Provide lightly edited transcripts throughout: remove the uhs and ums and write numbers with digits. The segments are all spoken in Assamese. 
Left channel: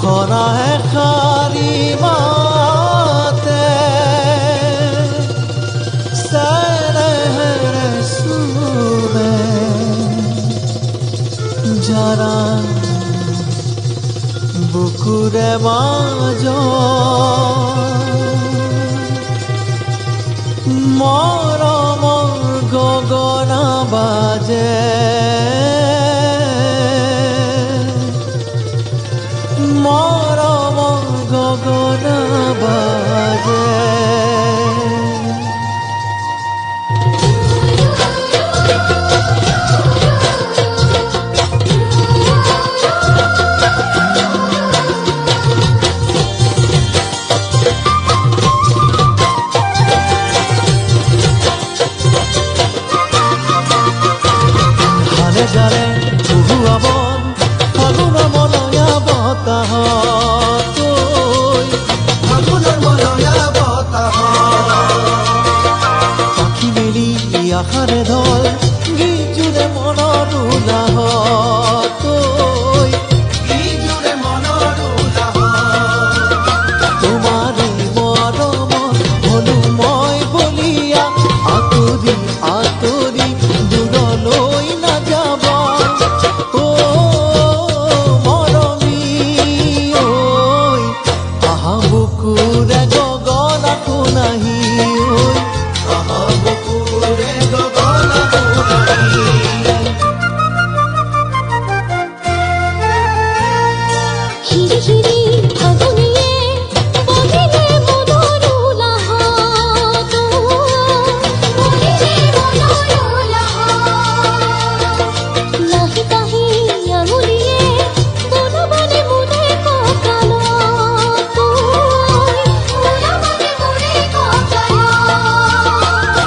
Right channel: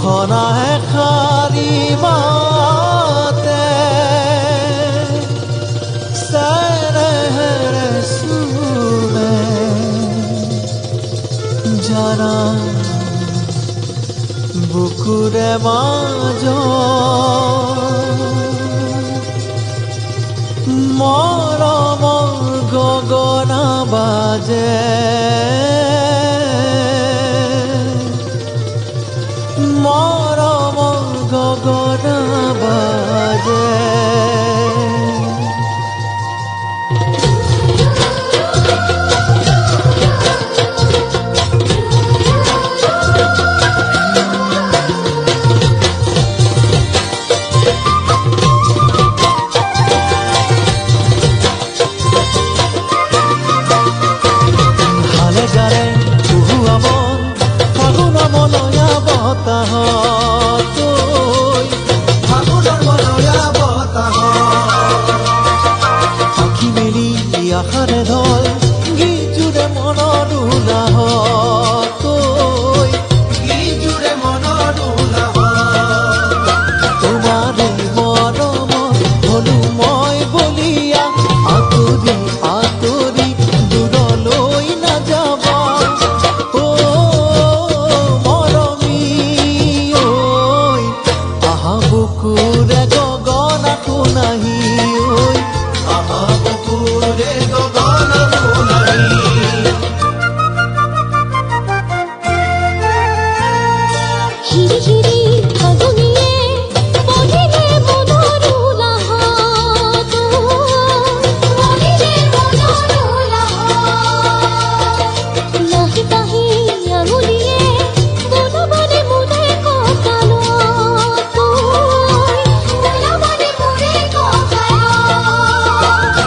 ঘোষণা এষাৰি মাতে চেনেহেৰে চুমে যাৰা বুকুৰে মাজত মৰমৰ গগনা বাজে মৰমৰ গগনা বাজে হালে জালে কুহুৱা বন ফাগুনৰ মলয়া বতাহত আখি মেলি আশাৰে ঢল গীত জোৰে মনৰ উলাহত তোমাৰে মৰমত হলো মই বলিয়া আঁতৰি আঁতৰি দূৰলৈ নাযাবা ও মৰমী ঐ আহা বুকুৰে গগনা শুনাহি ঐ আহা বুকুৰে গগনা শুনাহি হিৰি হিৰি ফাগুনিয়ে বহিলে মনৰ উলাহত লাহি পাহি আঙুলিয়ে বনবানে মোৰে কঁকালত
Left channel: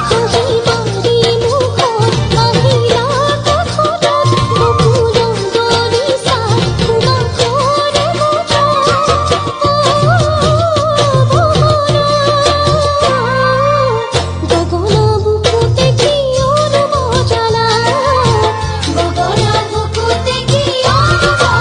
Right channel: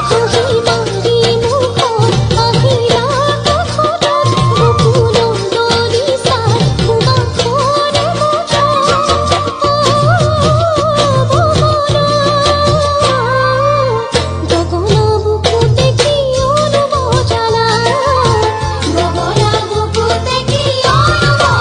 হাঁহি মাৰি মুখত আহিলা কাষত বকুলৰ দলি চাই সুবাসৰে গগনা বুকুতে কিয়নো বজালা গগনা বুকুতে কিয়নো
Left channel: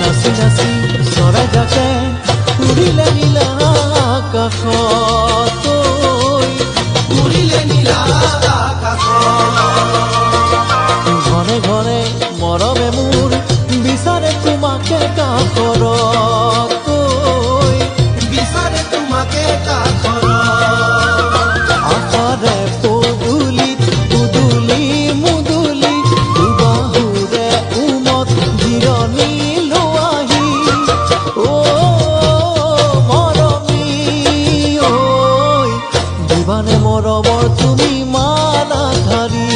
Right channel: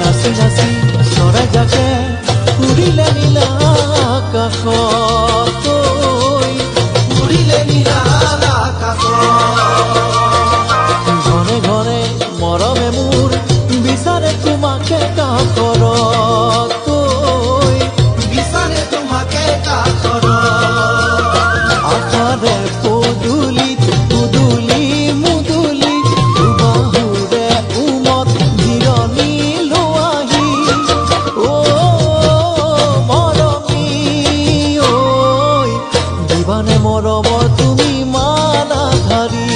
নাচি নাচি চৰাই জাকে উৰিলে নীলা আকাশত উৰিলে নীলা আকাশত ঘনে ঘনে মৰমে মোৰ বিচাৰে তোমাকে কাষৰত বিচাৰে তোমাকে কাষৰত আশাৰে পদূলিত পুদুলি মুদুলি দুবাহুৰে উমত জিৰণি লোৱাহি ও মৰমী ঐ দিবানে মৰমৰ তুমি মালা ধাৰি